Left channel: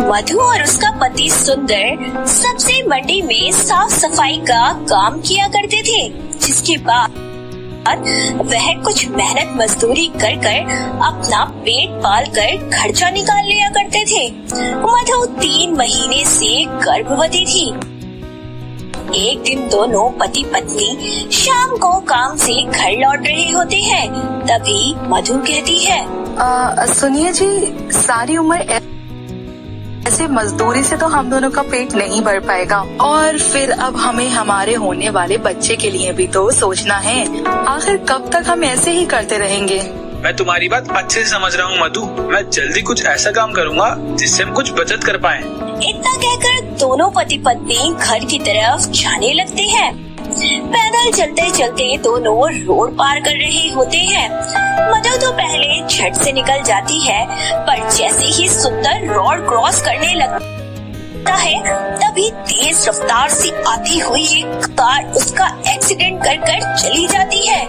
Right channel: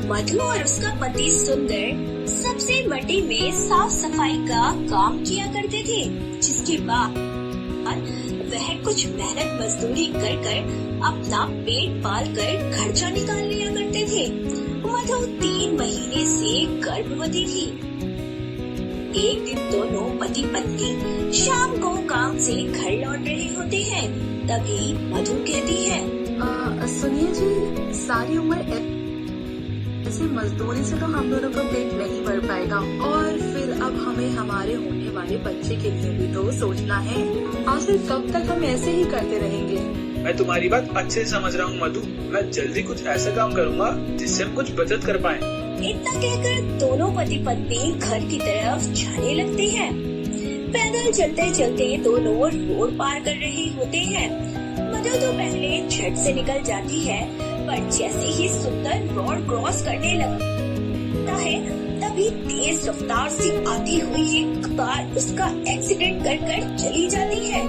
मधु और उसका पति सुंदर सबसे मंडी में साफ सफाई का काम किया करते थे, जिसके बाद वह कुछ मेहनत मजदूरी कर कर अपना पेट पाल कर खर्चा निकाल लिया करते थे। मधु 3 महीने से गर्भवती थी। एक दिन दोनों पति पत्नी शाम को काम से घर लौट रहे होते हैं, तभी मधु कहती है, सुनिए जी, सारी उम्र ऐसे मजदूरी से तो हम दोनों का पेट नहीं भर पाएगा, और फिर अब हमें हमारे होने वाले बच्चे के लिए भी तो सोचना है। आखिर कब तक हम ऐसे ही करते रहेंगे? मैं तुम्हारी बात अच्छे से समझ रहा हूँ मधु। मैं जल्दी कुछ ऐसा काम करूँगा जिससे हम कुछ बचत कर पाएं। इतना कहकर दोनों पति पत्नी घर की तरफ जाने लगते हैं। पैदल चलते चलते दोनों रोड पार कर रहे होते हैं। मधु तो पहले झट से निकल जाती है, पर जैसे ही सुंदर रोड क्रॉस करने लगता है, तभी तेज रफ्तार से आती हुई एक कार उसका एक्सीडेंट कर कर चली जाती है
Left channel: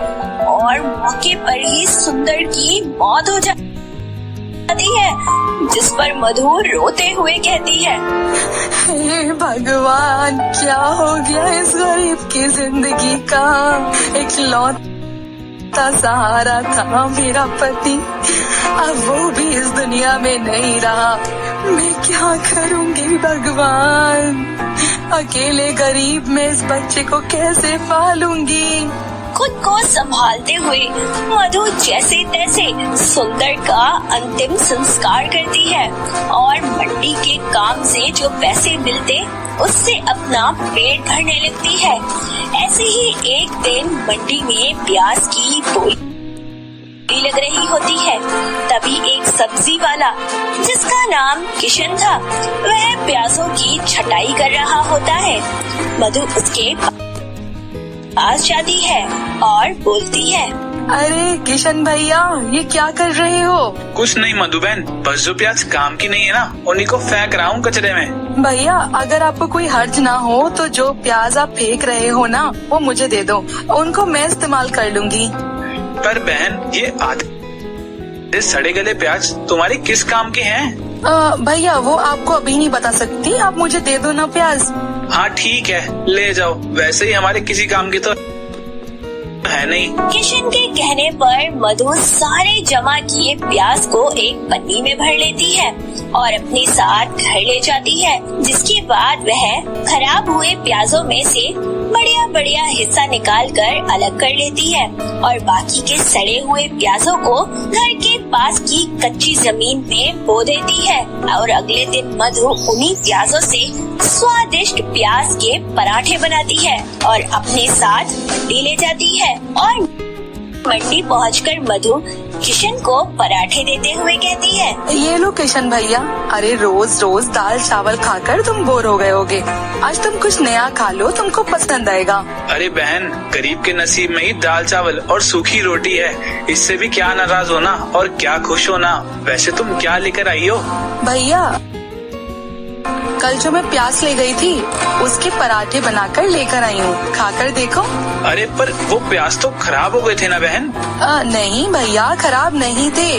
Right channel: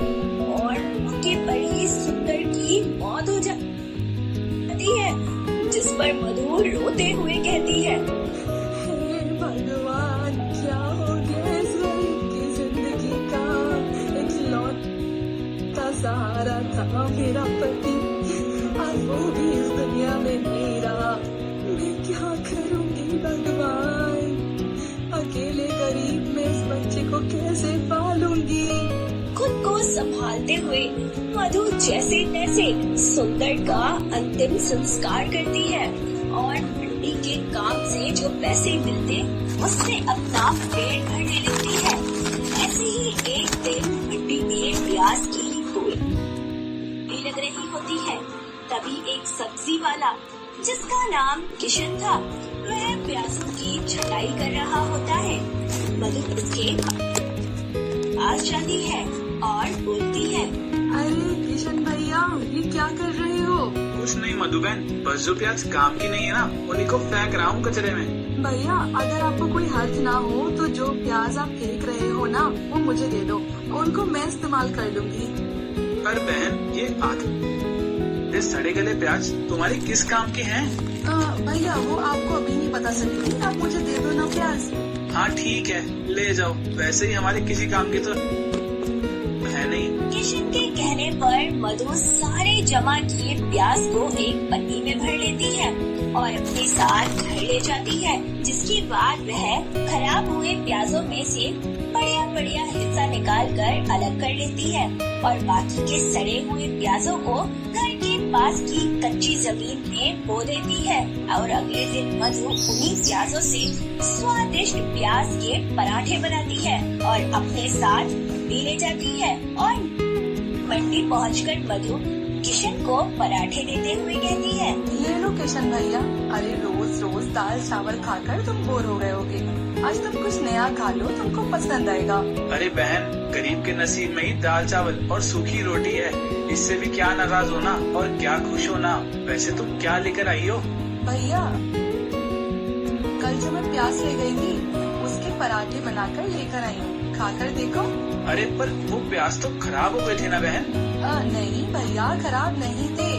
और मौके पर ही सुंदर की मौत हो जाती है, जिस पर मधु रोते हुए कहती है, हे भगवान, क्या हो गया इस गरीब की जिंदगी का? इकलौता सहारा था मेरा पति, अब वो भी इस दुनिया में नहीं रहा। मैं क्या करूंगी भगवान? अकेले गरीब में इस बच्चे को कैसे पालूंगी? खुद को संभालते हुए मधु जैसे तैसे सुंदर का अंतिम संस्कार करती है और मंडी के काम से जो पैसे मिलते उससे अपना पेट भरने लगती है। ऐसे ही एक दिन मंडी में प्याज की बोली लग रही होती है। तभी एक सब्जी वाला, जिसका नाम किशन था, वह प्याजों की छटाई कर रहा होता है। मधु उसके पास जाती है और बोलती है, अरे किशन भैया, ये क्या कर रहे हो? कुछ नहीं मधु बहन, बस जो प्याज काम की नहीं है ना, उन्हीं को फेंक रहा हूँ कचरे में। भैया, अगर आपको कोई हर्ज ना हो तो जो प्याज आप फेंक रहे हो ना, वो मुझे दे दो, उनको मैं इस्तेमाल कर लूंगी। पर बहन, ये आधे सड़े गले प्याज तुम्हारे किस काम के हैं? भैया, वो आपको अभी नहीं बता सकती, आप मुझे दे दो ना प्याज। हाँ ठीक है, ले जाओ, वैसे ही हमारे किसी काम की तो है नहीं। किशन के कहने पर मधु सारे जमा किए प्याज को एक पन्नी में भर लेती है और अपने साथ घर ले जाती है, जिसके बाद वह खराब हुए प्याजों में से बढ़िया बढ़िया हिस्सा निकाल कर अलग कर लेती है और बाकी के सड़े हुए प्याजों को घर के पास की कच्ची जमीन में बो देती है और अगले दिन मधु उन्हीं प्याजों से स्वादिष्ट प्याज के पराठे बनाती है और अपने साथ मंडी ले जाती है। और मंडी पहुंचकर मधु किशन को पराठे देते हुए कहती है, ये लो किशन भैया, अरे रोज रोज दाल चावल खाकर तुम बोर हो गए होगे, आज तुम कुछ नया खा लो, तुमको पसंद आएगा। अरे बहन, गरीब के नसीब में ही दाल चावल और सूखी रोटी है, इससे भी क्या नाराज होना और क्या खुश होना। वैसे तुम क्या लेकर आई हो? भैया, कल जो मैं प्याज ले गई थी, उसके पराठे बनाकर लेकर आई हूँ, खाकर देखो। अरे पर वो प्याज तो खराब हो गए थे ना बहन? नहीं भैया, खराब नहीं थे,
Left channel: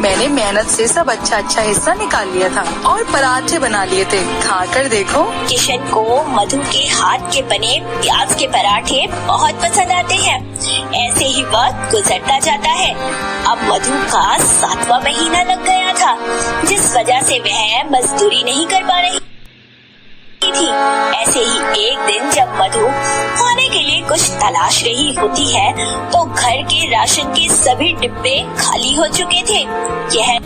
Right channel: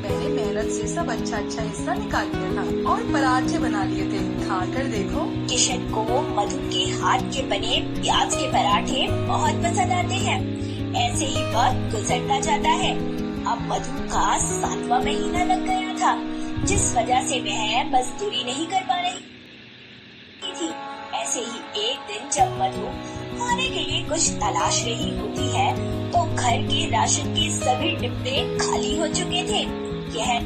मैंने मेहनत से सब अच्छा हिस्सा निकाल लिया था और पराठे बना लिए थे, खाकर देखो। किशन को मधु के हाथ के बने प्याज के पराठे बहुत पसंद आते हैं। ऐसे ही वक्त गुजरता जाता है। अब मधु का 7वां महीना लग गया था, जिस वजह से वह मजदूरी नहीं कर पा रही थी। ऐसे ही एक दिन जब मधु खाने के लिए कुछ तलाश रही होती है, तो घर के राशन के सभी डिब्बे खाली हो चुके थे। यह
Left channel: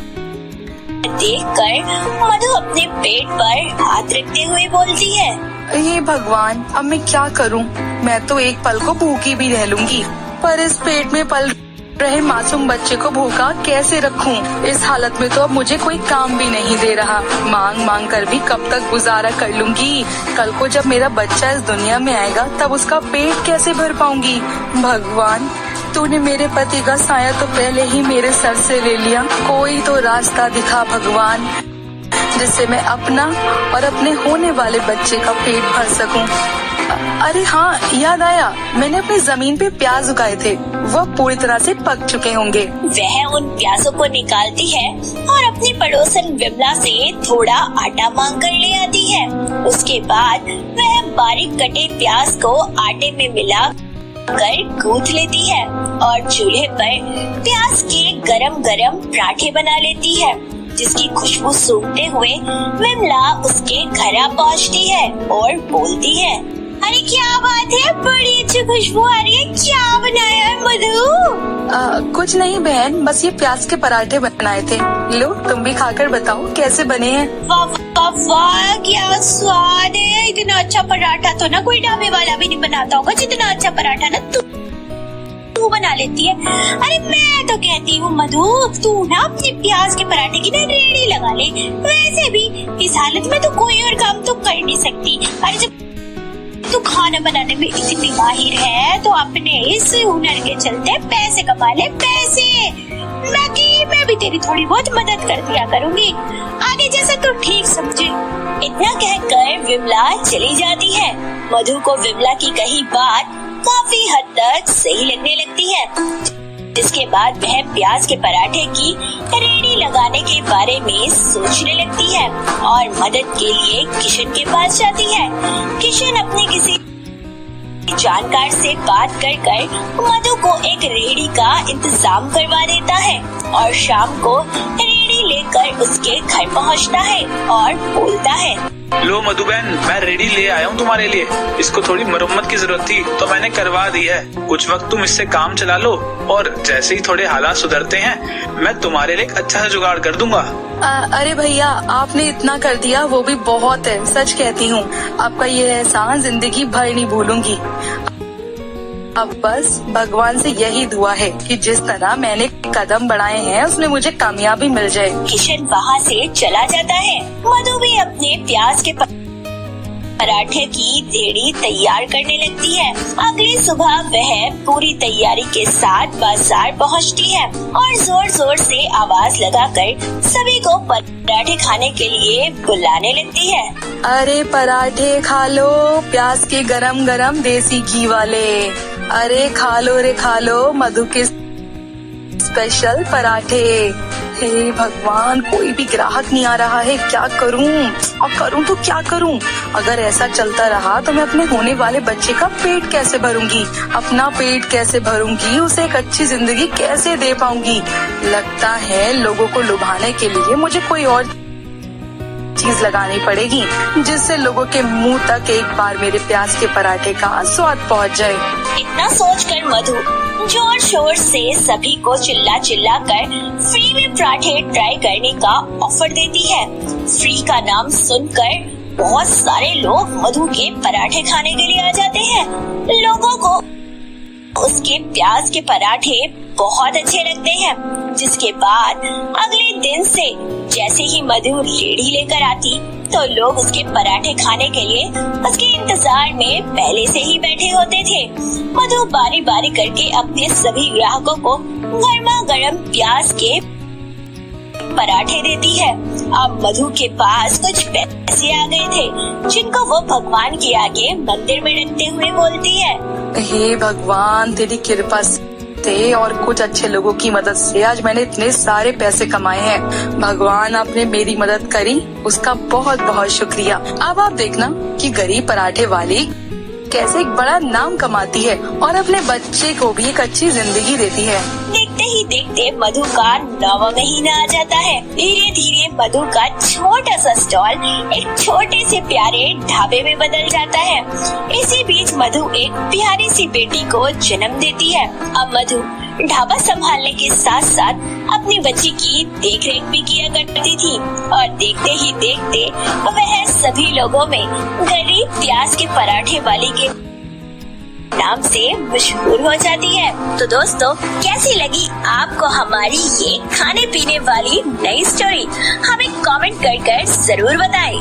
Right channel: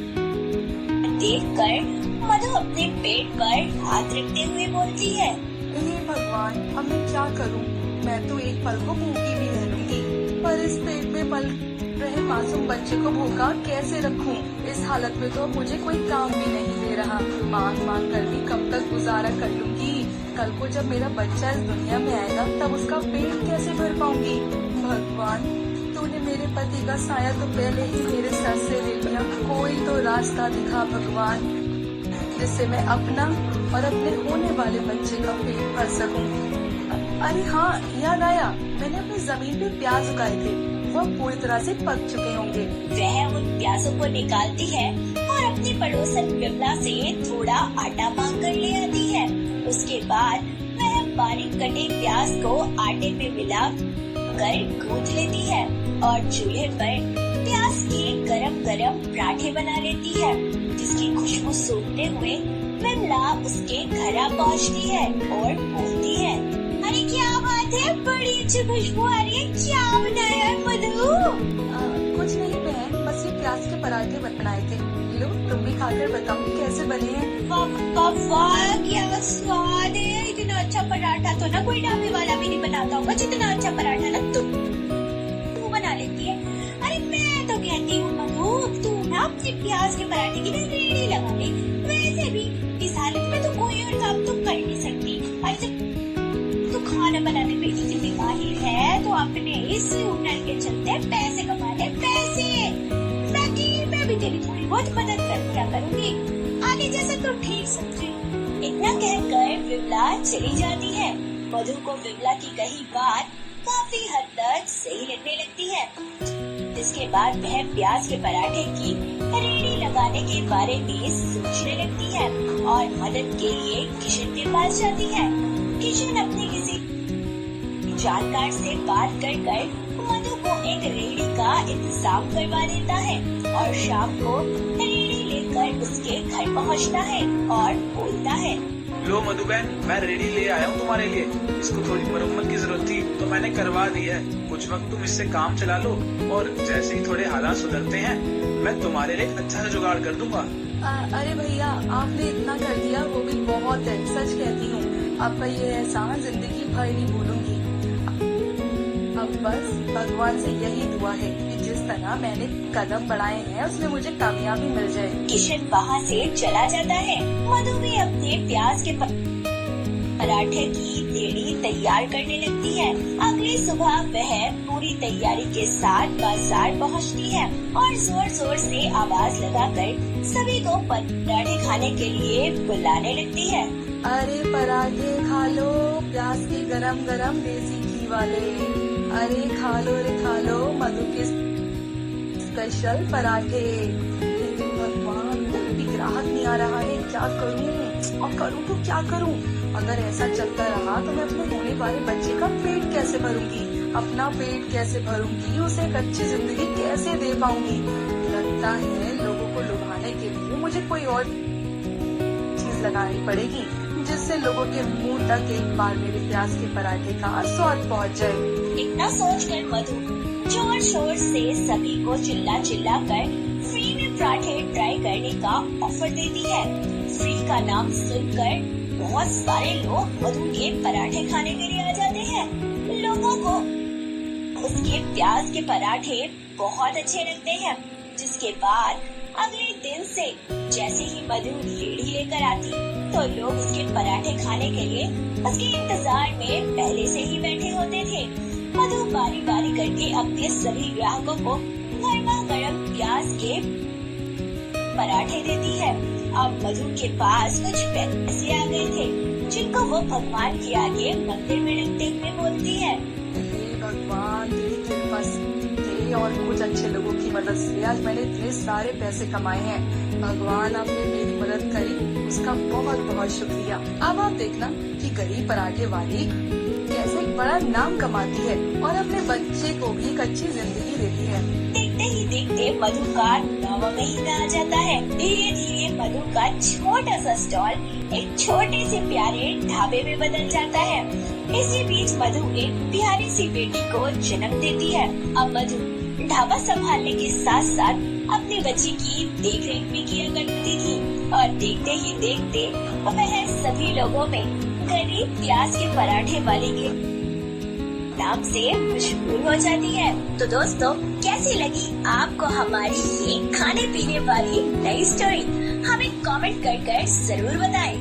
देखकर मधु अपने पेट पर हाथ रखते हुए बोलती है, हे भगवान, अब मैं क्या करूं? मैं तो एक पल को भूखी भी रह लूंगी, पर इस पेट में पल रहे मासूम बच्चे को भूखा कैसे रखूं? इस हालत में तो अब मुझे कोई काम भी नहीं दे रहा, मांग मांग कर भी कब तक गुजारा कर लूंगी? कल को जब मेरा बच्चा इस दुनिया में आएगा, तब उसका पेट कैसे भर पाऊंगी? भगवान, तूने मेरे पति का साया तो पहले ही मेरे सर से ले लिया, कोई तो रास्ता दिखा भगवान, जिससे मैं अपना और अपने होने वाले बच्चे का पेट भर सकूं। अरे हाँ, याद आया, मैंने अपनी जमीन पे प्याज उगाए थे, वो पूरी तरह से पक चुके होंगे। वह उन प्याजों को निकालती है और अपनी पड़ोसन विमला से थोड़ा आटा मांग कर ले आती है। उसके बाद वह बारीक कटे प्याज को आटे में मिला कर गूंथ लेती है और चूल्हे पर प्याज के गरम गरम पराठे बना लेती है, जिसकी खुशबू सूंघते हुए विमला उसके घर आ पहुँचती है और बोलती है, अरे क्या बात है, बड़ी अच्छी खुशबू आ रही है, क्या बनाया है मधु? कुछ नहीं बहन, बस ये प्याज के पराठे बनाए थे। लो तुम भी खाकर बताओ कैसे बने हैं। वाह वाह वाह, क्या स्वाद है। इतना अच्छा पराठा तो ना कोई ढाबे वाला भी नहीं बनाता होगा, जितना अच्छा पराठा ना तू बना लेती है। अरे मैं तो कहती हूँ मधु, तू ना अपने प्याज के पराठे की ना रेहड़ी लगा ले। वैसे भी इस हालत में तो कोई और काम तो कर नहीं सकती। अरे जब तू खाना बनाने में इतनी माहिर है तो अपने इस हुनर के चलते पैसे कमा ले, पैसे। मैं भी तेरी थोड़ी बहुत मदद कर दिया करूँगी, आगे जैसा तू ठीक समझे। इतना कहकर विमला चली जाती है। मधु को विमला की कही बात काफी हद तक सही लगने लगती है, जिसके बाद वह प्याज के पराठे की रेहड़ी लगाने के बारे में सोचने लगती है और मदद के लिए किशन के पास जाती है। किशन अपने किसी जानकार से बात कर मधु को एक रेहड़ी का इंतजाम करवा देता है और शाम को रेहड़ी लेकर उसके घर पहुंचता है और बोलता है, लो मधु बहन, मैं रेडी ले आया हूँ तुम्हारे लिए। इसको थोड़ी मरम्मत की जरूरत थी तो मैंने करवा दी है। कुछ वक्त तुम इससे काम चला लो और जैसे ही थोड़े हालात सुधरते हैं मैं तुम्हारे लिए एक अच्छा सा जुगाड़ कर दूंगा। अरे भैया, आपने इतना कर दिया वो भी बहुत है, सच कहती हूँ। आपका ये एहसान जिंदगी भर नहीं भूलूंगी। अब बस भगवान से यही दुआ है कि जिस तरह मैंने कदम बढ़ाए हैं उसमें मुझे कामयाबी मिल जाए। किशन वहाँ से चला जाता है। मधु भी अपने प्याज के पराठे की रेहड़ी तैयार करने लगती है। अगली सुबह वह पूरी तैयारी के साथ बाजार पहुँचती है और जोर जोर से आवाज लगाकर सभी को पराठे खाने के लिए बुलाने लगती है। अरे पराठे खा लो, प्याज के गरम गरम देसी घी वाले। अरे खा लो रे खा लो, मधु के स्पेशल पराठे। हे भगवान, कोई भी ग्राहक नहीं आ रहा है, क्या करूं? और करूं तो क्या करूं? अगर ऐसा चलता रहा तो मैं अपने होने वाले बच्चे का पेट कैसे भरूंगी, अपना पेट कैसे भरूंगी, उसे एक अच्छी जिंदगी कैसे दे पाऊंगी? लगता है लोगों को लुभाने के लिए मुझे कोई और चीज लगानी पड़ेगी जिससे लोगों के मुंह तक एक बार मेरे प्याज के पराठे का स्वाद पहुंच जाए। इतना सोचकर मधु जोर शोर से सभी को चिल्ला कर फ्री में पराठे ट्राई करने का ऑफर देती है। फ्री का नाम सुनकर बहुत सारे लोग मधु के पराठे खाने के लिए आ जाते हैं। लोगों को उसके प्याज के पराठे बहुत अच्छे लगते हैं, जिसके बाद अगले दिन से जैसे ही मधु रेहड़ी लेकर आती तो लोग उसके पराठे खाने के लिए उसके इंतजार में पहले से ही बैठे होते थे। मधु बारी बारी करके अपने सभी ग्राहकों को गर्मा गर्म प्याज के पराठे देती है। अब मधु के पास कुछ पैसे आ गए थे, जिनको वो भगवान के आगे मंदिर में रखते हुए बोलती है, हे भगवान, तेरी कृपा से और कुछ अच्छे लोगों की मदद से आज मैंने इतने सारे पैसे कमाए हैं। भगवान, आपने मेरी मदद करी, उसका बहुत बहुत शुक्रिया। अब आप देखना कि गरीब पराठे वाली कैसे एक बड़ा नाम कमाती है और अपने बच्चे को भी एक अच्छी जिंदगी देती है। देखते ही देखते मधु का 9वां महीना आ जाता है। धीरे धीरे मधु का छोटा सा स्टॉल एक छोटे से प्यारे ढाबे में बदल जाता है। इसी बीच मधु एक प्यारी सी बेटी को जन्म देती है। अब मधु ढाबा संभालने के साथ साथ अपनी बच्ची की देखरेख भी किया करती थी और देखते ही देखते वह सभी लोगों में गरीब प्याज के पराठे वाली के नाम से मशहूर हो जाती है। तो दोस्तों, कैसी लगी आपको हमारी ये खाने पीने वाली नई स्टोरी? हमें कमेंट कर जरूर बताएं।